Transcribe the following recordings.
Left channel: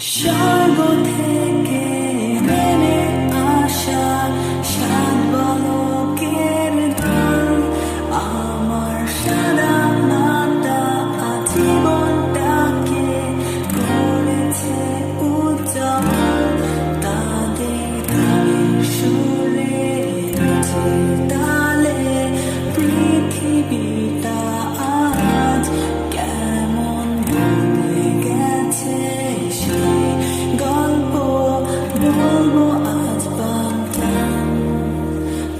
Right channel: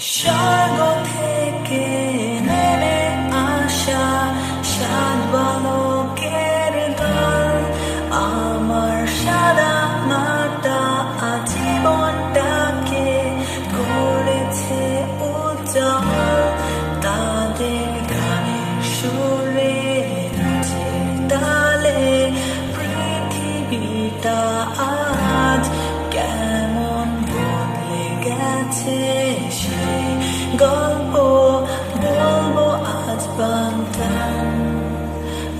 স্বর্গ থেকে নেমে আসা সাত বালকের দল আমার সাদা মাটা জীবনটাকে করেছে উজ্জ্বল। তাদের গানের সুরে নাচের তালে পৃথিবীটা আজ কেমন বদলে গেছে সেই গল্প বলবো আজ বান্তাম।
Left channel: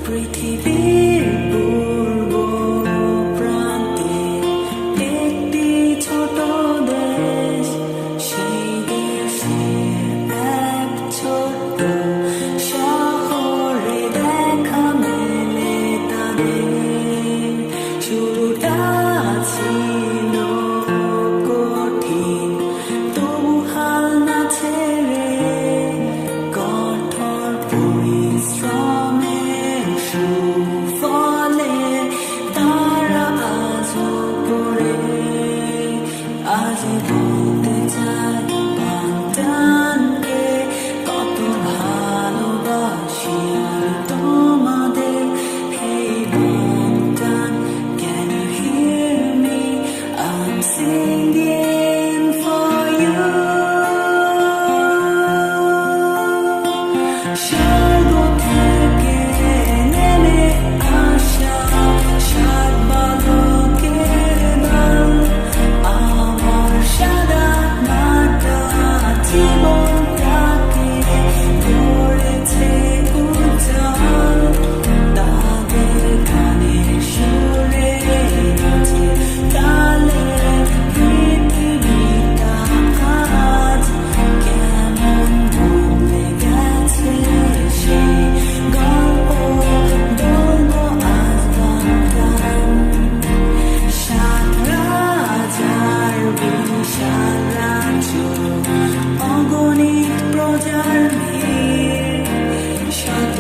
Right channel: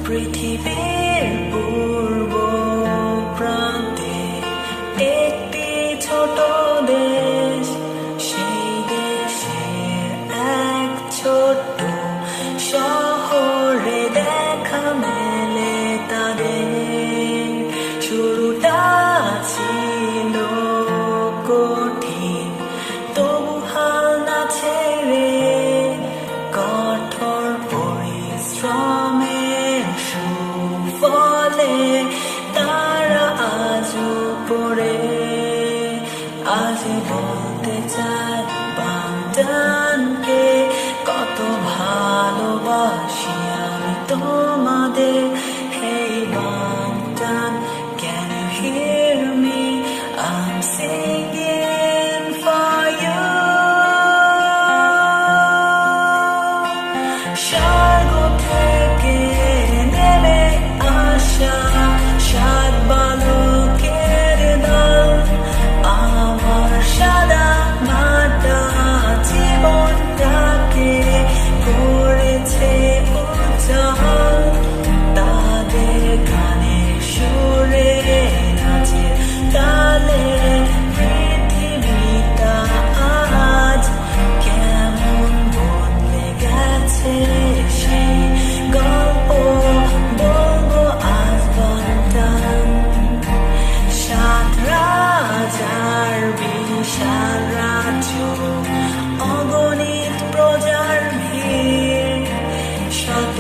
পৃথিবীর পূর্ব প্রান্তে একটি ছোট দেশ, সেই দেশে এক ছোট্ট শহরে দেখা মেলে তাদের। শুরুটা ছিল কঠিন, তবু হাল না ছেড়ে কঠোর পরিশ্রমের সুফলে তারা আজও পড়ে। আজ বলতে চাই বাগদানকে কত ভালোবাসি আমি তোমাদের। Hey Baghdad, can you hear me? I'm singing for you. স্বর্গ থেকে নেমে আসা সাত বালকের দল আমার সাদা মাটা জীবনটাকে করেছে উজ্জ্বল। তাদের গানের সুরে নাচে তালে পৃথিবীটা আজ কেমন বদলে গেছে সেই গল্প বলবো আজ বান্তাম। সাত রাজার বিশাল রাজ্য, অগণিত প্রজার ভিড়, শত